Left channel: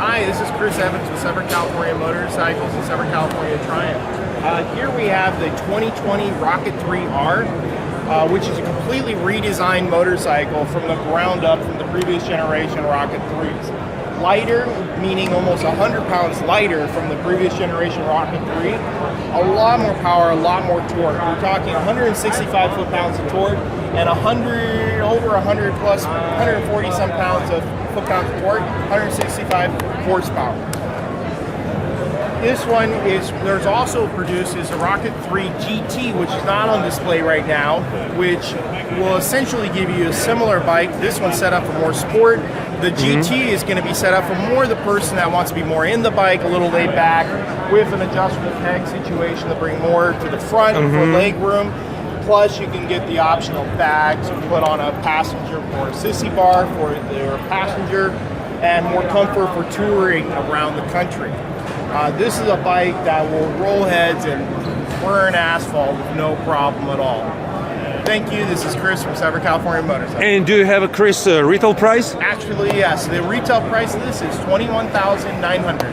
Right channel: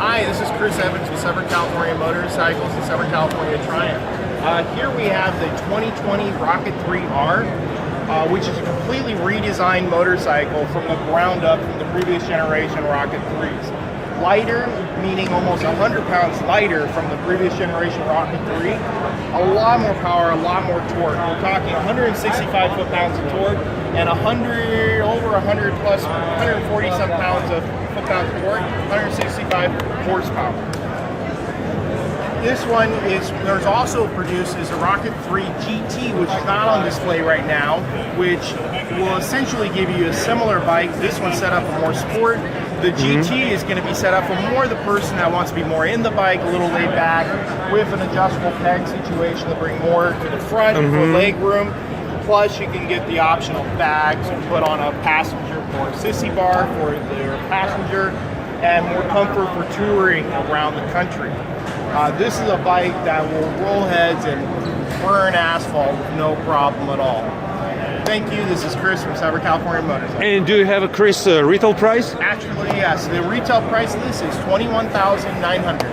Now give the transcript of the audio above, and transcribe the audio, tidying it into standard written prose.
Hi, this is Chris Evans with Severn California Motorcycles and Severn California Triumph. Here we have the 2020 Rocket 3R, which is a completely redesigned motorcycle from the ground up from the previous generation Rocket 3s. Lighter, meaning almost 100 pounds lighter from the previous generation Rocket 3. A lot more power, a lot more torque. We're talking 165 foot-pounds of torque and 140 some pounds of foot-pounds of torque, 165 horsepower. This one there's also produced is a Rocket 3 GT, which is not on display right now, which will essentially give you a similar bike. This one's set up for more sport. The GT is going to be set up for more the person that wants to be more in the bike, a little laid back, with an adjustable peg situation to bring more to the front for leg room. Plus, you can get the optional bags to put on a passenger or a sissy bar for their passenger, and more comfort for touring around the country. This is a bike that will roll heads and burn asphalt with no problem at all. Thank you. This is Chris from Severn California Motorcycles. And do you have a Chris retail price? Actually, yes. The retail price of this is $21,900.